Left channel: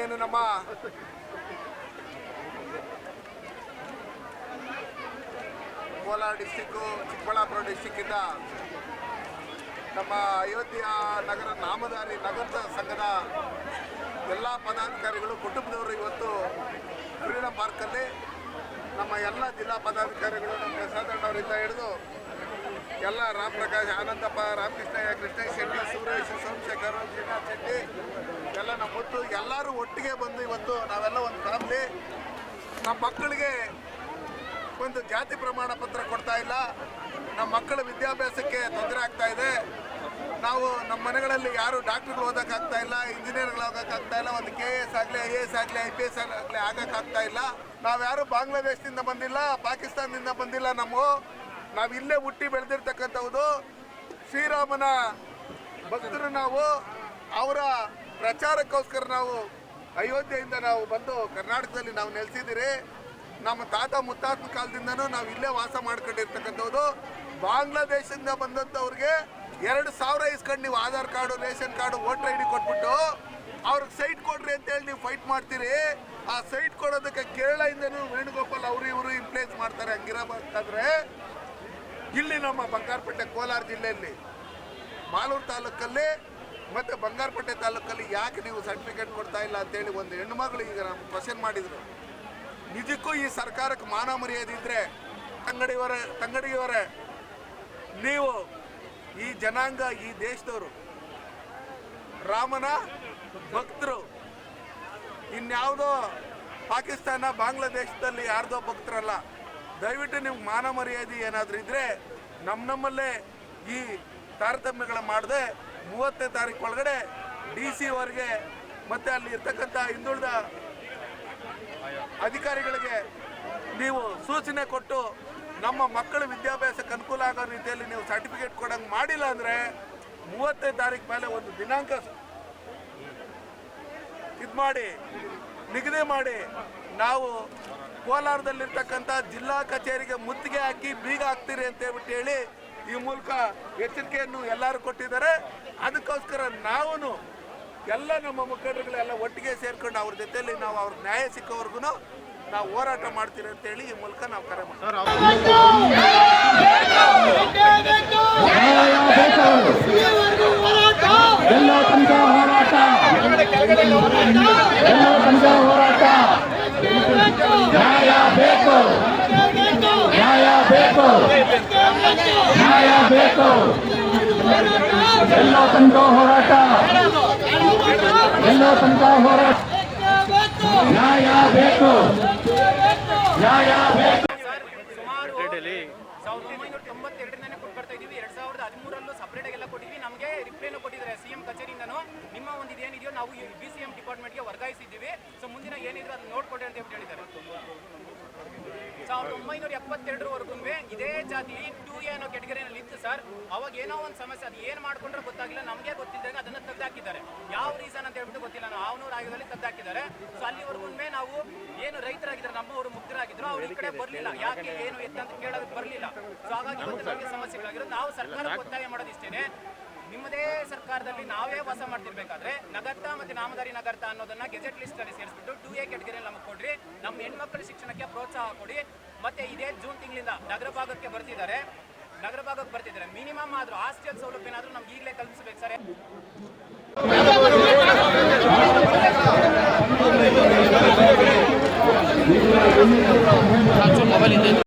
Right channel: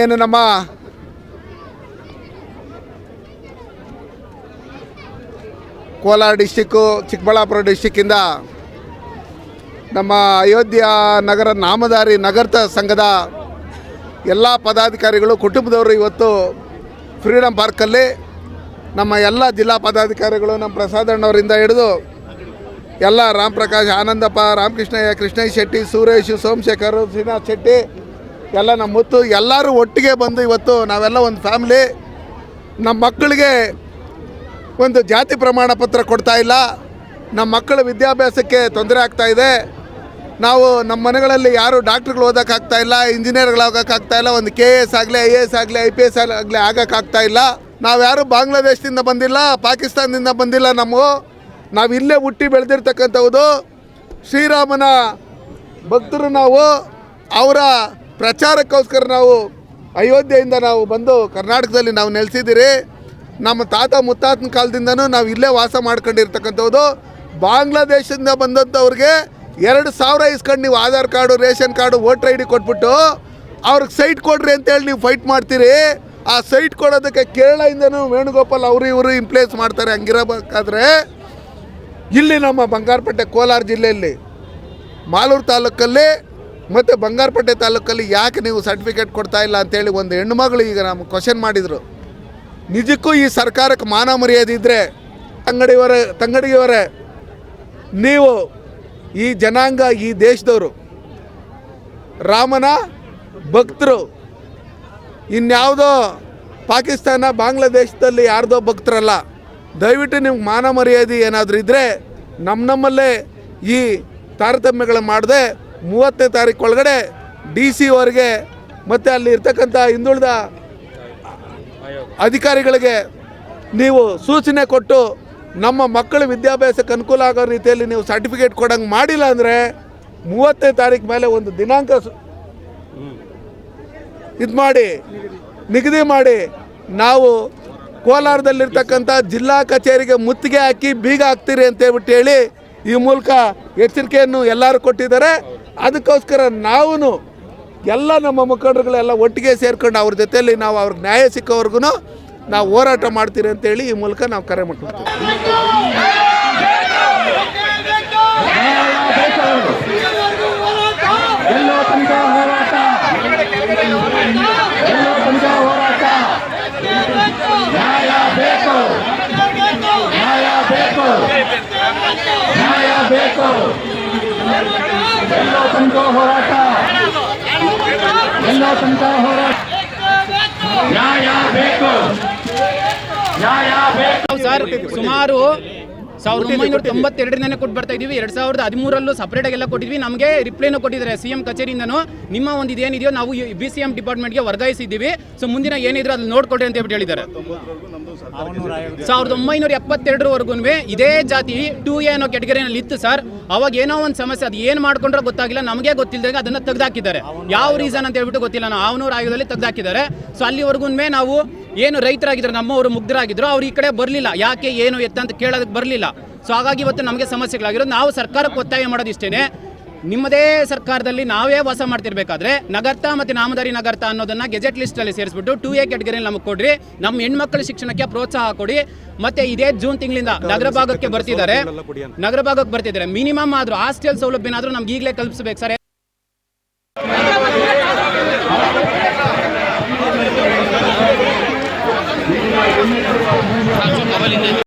ಏನು ನಮ್ಮ ಕೋಲಾರ ಡಿಸ್ಟಿಕ್ಕು, ಚಿಕ್ಕಬಳ್ಳಾಪುರ ಡಿಸ್ಟಿಕ್ಕಿಂದ ನಮ್ಮ ಅಯೋಧ್ಯ ನಗರ ನಾಮಧಾರಿ ನಗರ ಸಂಘದ ಎಲ್ಲ ಪದಾಧಿಕಾರಿಗಳು, ಕುಟುಂಬದವರು ಇವತ್ತು ಫ್ರೀಡಮ್ ಪಾರ್ಕಲ್ಲಿ ನಮ್ಮ ಎಲ್ಲ ಜಿಲ್ಲಾ ಪದಾಧಿಕಾರಿಗಳು, ನಮ್ಮ ಪ್ರಸಾದಣ್ಣವರಿಂದ ಹಿಡಿದು ಎಲ್ಲ ರಾಮ್ ಪ್ರಕಾಶ್, ಆನಂದಪ್ಪ, ರಾಮಕೃಷ್ಣಯ್ಯ, ಕೃಷ್ಣಯ್ಯ ಶೆಟ್ಟಿ, ಸುರೇಶ್, ಸೋಮಶೇಖರ್, ಶ್ರೀನಾಥ್ ಶೆಟ್ಟಿ, ಎಲ್ಲ ನಮ್ಮ ಮುತ್ತು ಎಲ್ಲರೂ ಒಟ್ಟಿಗೆ ಬಂದು ಇವತ್ತು ನಾವೆಲ್ಲ ಒಂದು ಫ್ಯಾಮಿಲಿ. ನಮ್ಮ ಮಕ್ಕಳಿಗೆ ಒಂದು ಜಾತಿ ಪ್ರಮಾಣ ಪತ್ರ ಕೊಡ್ತಾ ಇಲ್ಲ, ನಮ್ಮ ಮಕ್ಕಳ ವಿದ್ಯಾಭ್ಯಾಸಕ್ಕೆ ತೊಂದರೆ ಆಗ್ತಾಯಿದೆ. ನಾವು ನಮ್ಮ ಮನೆಗಳಲ್ಲಿ ಯಾರು ಡಾಕ್ಟ್ರುಗಳು ಓದೋಕ್ಕಾಗ್ತಾ ಇಲ್ಲ, ಇಂಜಿನಿಯರ್ಗಳಾಗೋಕ್ಕಾಗ್ತಾ ಇಲ್ಲ, ಒಂದು KS ಆಗಲಿ, IAS ಆಗಲಿ, IPS ಆಗಲಿ ಆಗೋಕ್ಕಾಗ್ತಾ ಇಲ್ಲ. ನಾವು ಯಾರು ಬಾಂಗ್ಲಾದೇಶದಿಂದ ಬಂದಿಲ್ಲ, ಪಾಕಿಸ್ತಾನದಿಂದ ಬಂದಿಲ್ಲ. ನಾವು ಇಲ್ಲೇ ಹುಟ್ಟಿ ಬೆಳೆದಿರ್ತಕ್ಕಂಥದ್ದು ಶ್ರೀರಾಮನ ಭಕ್ತರು. ನಾವು ಅವರ ಪ್ರಚಾರಕ್ಕೋಸ್ಕರ ನಾವು ಅಯೋಧ್ಯೆಯಿಂದ ನಾವು ಬಂದು ಕರ್ನಾಟಕದಲ್ಲಿ ನಾವು ನೆಲೆಸಿದ್ದೀರಿ. ನಮ್ಮ ತಾತ ಮುತ್ತಾತನ ಕಾಲದಿಂದನೂ ನಾವು ಇಲ್ಲೇ ವಾಸ ಮಾಡ್ಕೊಂಡಿರ್ತಕ್ಕಂಥದ್ದು. ಬಾಂಗ್ಲಾದೇಶದಿಂದ ಬಂದಂಥವ್ರಿಗೆ 2,000 ಇಸ್ಕೊಂಡು ನೀವು Aadhaar card, ration card, voter ID ಕೊಟ್ಬಿಟ್ಟು ಅವ್ರಿಗೆ ಸೈಟ್ ಕೊಡ್ರಿ ಅಂತೇಳಿ ನೀವು ಫೈಟ್ ಮಾಡ್ತೀರಿ. ಆ ಸೈಟ್ ಕೊಡೋದಕ್ಕೆ ಕೇರಳದಿಂದನೂ ವೇಣುಗೋಪಾಲ್ ಇವರು ಇಂಪ್ಲೇಸ್ ಮಾಡ್ತಾರೆ. ಹಂಗಿರಬೇಕಾದ್ರೆ ಇಲ್ಲಿ ನಮ್ಮ ಬಂಗಾರಪೇಟೆ ಕೋಲಾರ ಜಿಲ್ಲೆಯಲ್ಲಿ ಮಾಲೂರು ತಾಲೂಕಲ್ಲಿ ಮತ್ತು ಬಂಗಾರಪೇಟೆ ತಾಲೂಕಲ್ಲಿ ಯಾಕೆ ನೀವು ಸರ್ಟಿಫಿಕೇಟ್ ಕೊಡ್ತಾ ಇಲ್ಲ ಅಂತೇಳಿ ಒಂದು ಹೆಣ್ಣುಮಗಳು ಈಗ ನಮ್ಗೆ ಕ್ವಶನ್ ಮಾಡಿದರು. ನಿಜಕ್ಕೂ ಈ ಸರ್ಕಾರಕ್ಕೆ ಮಾನ ಮರ್ಯಾದೆ ಇದ್ದರೆ ತಂಗಡಿಯವರೇ, ನೀವು ಈ ಜನಾಂಗ, ಈ ದೇಶದವರು ರಾಮನ ಭಕ್ತರು, ಇನ್ಯಾವುದೋ ಪಾಕಿಸ್ತಾನ, ಬಾಂಗ್ಲಾದೇಶದಲ್ಲಿ ಯಾರ್ದೋ ಭಕ್ತರಲ್ಲ. ದಯವಿಟ್ಟು ನಿಮ್ಗೆ ಮಾನ ಮರ್ಯಾದೆ ಏನಾದರೂ ಇದ್ದರೆ ನಮ್ಮಲ್ಲೇ ಈ ತಾರತಮ್ಯಗಳು ಮಾಡದೆ 30ನೇ ತಾರೀಕು ಒಳಗಡೆ DC ಅವರಿಗೆ ಮತ್ತು ಅಲ್ಲಿ ಇರ್ತಕ್ಕಂಥ ಹಿಂದುಳಿದ ಅಧಿಕಾರಿಗಳಿಗೆ ನೀವು ಸೂಚನೆ ಕೊಟ್ಟು ನಮ್ಮ ಮಕ್ಕಳ ವಿದ್ಯಾಭ್ಯಾಸಕ್ಕೆ ಅನುಕೂಲ ಆಗೋ ರೀತಿಯಲ್ಲಿ ನೀವು ಸರ್ಟಿಫಿಕೇಟ್ ಕೊಡೋಂಗೆ ಮಾಡಿಲ್ಲ ಅಂದರೆ 30ನೇ ತಾರೀಕು ಮೇಲೆ ಒಂದು ದಿನಾಂಕ ನಿಗದಿ ಮಾಡಿ ನಾವು ಕೋಲಾರದಲ್ಲಿರ್ತಕ್ಕಂಥ ಜಿಲ್ಲಾ ಕಚೇರಿಗೆ ಮುತ್ತಿಗೆ ಹಾಕಿ ಬೀಗ ಹಾಕ್ತೀರಿ ಅಂತೇಳ್ಬಿಟ್ಟು ಹೇಳಿ ಈ ಮೂಲಕ ಎಚ್ಚರಿಕೆಯನ್ನು ಎಲ್ಲರೂ ಕೊಟ್ಟಿದ್ದಾರೆ. ಅದಕ್ಕೋಸ್ಕರ ನಾವು ಎಲ್ಲ ನಮ್ಮ ಮುಖಂಡರುಗಳೆಲ್ಲ ಒಟ್ಟಿಗೆ ಸೇರ್ಕೊಂಡು ಅವ್ರ ಜೊತೆಯಲ್ಲಿ ನಾವು ಅವ್ರಿಗೆ ನ್ಯಾಯ ಸಿಕ್ಕೋವರೆಗೂ ನಾವು ಹೋರಾಟ ಮಾಡ್ತೀರಿ ಅಂತೇಳಿ ಈ ಮೂಲಕ ನಾವು ಕರೆ ಮಾಡ್ತೀವಿ. ಸರ್, ಸುಮಾರು 1992 ಕೊಟ್ಟು ಬರ್ತಾ ಇದೀವಿ. 2013 ಸಪ್ರೇಟಾಗೆಲ್ಲ ಕೊಟ್ಟಿದ್ವಿ. ನಮಗೆ ರಿಪ್ಲೈನೂ ಕೊಟ್ಟಿದ್ದಾರೆ CM ಕಚೇರಿಯಿಂದನೂ. ನಿಮ್ಮ ಒಂದು ಇದೇನಿದೆಯೋ ನಾವು BCM ಡಿಪಾರ್ಟ್ಮೆಂಟ್ಗೆ ವರ್ಗಾಯಿಸಿದ್ದೀವಿ. ಸೊ ಮುಂದಿನ ಏನಿದ್ರು ಅದು ನೋಡ್ಕೊಡ್ರಿ ಅಂತ ಹೇಳ್ಬಿಟ್ಟು ಹೇಳಿದ್ದಾರೆ. 1972ವರೆಗೂ ಇದೇ ಜಾತಿ 2A ಅನ್ನೋ ಕ್ಯಾಟಗರಿನಲ್ಲಿ ಇತ್ತು ಸರ್. ಅವಾಗ ಏನೋ ಒಂದು ಸಮಸ್ಯೆ, ಅದು ಏನು ಮಾಡ್ಕೊಂಡ್ರೆ ಗೊತ್ತಾಗಿಲ್ಲ, ನಮಗೆ ಗೊತ್ತಿಲ್ಲದಾಗ ಅದನ್ನು ತೆಗೆದಾಕಿದ್ದಾರೆ. ಯಾವ ರೀಸನ್ ಅಂತ ಹೇಳ್ಬಿಟ್ಟು ಗೊತ್ತಿಲ್ಲ. ನಾವು ಆವನೂರು ಆಯೋಗದಲ್ಲಿ ತೆಗೆದಾಕಿದ್ದಾರೆ. ಸೊ ಅಲ್ಲಿವರೆಗೂ ನಾವು ಏನು ರೈತರಾಗಿದ್ದಾರೆ, ನಮ್ಮವರು ಮುಗ್ಧರಾಗಿದ್ರು, ಅವ್ರು ಈ ಕಡೆ ಬರಲಿಲ್ಲ. ಯಾಕೆ ಏನು ಎತ್ತ ಅಂತ ಕೇಳೋದಕ್ಕೆ ಬರಲಿಲ್ಲ. ಸೊ ಹಾಗಾಗಿ ಇವತ್ತು ನಮಗೆ ಸಮಸ್ಯೆಗಳಾಗಿರೋದು. ನಾವು ಸರ್ಕಾರಕ್ಕೆ ಒತ್ತಾಯ ಮಾಡೋದು ಇಷ್ಟೇ, ನಿಮ್ಮದೇ ಸರ್ಕಾರದಲ್ಲಿ ನಾವೇ ವಾಸ ಮಾಡ್ತಿರ್ಬೇಕಾದ್ರೆ ನಗರ್ತ ಮತ್ತು ನಾಮಧಾರಿ ನಗರ್ತ ಅನ್ನೋದನ್ನ ಗೆಜೆಟ್ ಲಿಸ್ಟಲ್ಲಿ ಸೇರಿಸ್ಬಿಟ್ಟು 2A ಕ್ಯಾಟಗರಿಯಲ್ಲಿ ನಮಗೆ ಕೊಡ್ರಿ. ನಮ್ಮ ಹೆಣ್ಮಕ್ಳ ಶಿಕ್ಷಣಕ್ಕೆ ಪ್ರೋತ್ಸಾಹ ಕೊಡಿ. ಮತ್ತೆ ಇದೇ ಜೂನ್ ತಿಂಗಳಿಂದ ನಗರ ಭಾಗಕ್ಕೆ ಬರ್ತಿದ್ದಾರೆ. ಮಿನಿಮಮ್ ಆದರೂ ಹಾಸ್ಟೆಲ್ ಸೌಲಭ್ಯನಾದರೂ ನಮ್ಗೆ ಈಗಲೇ ಕಲ್ಪಿಸಬೇಕು ಸರ್.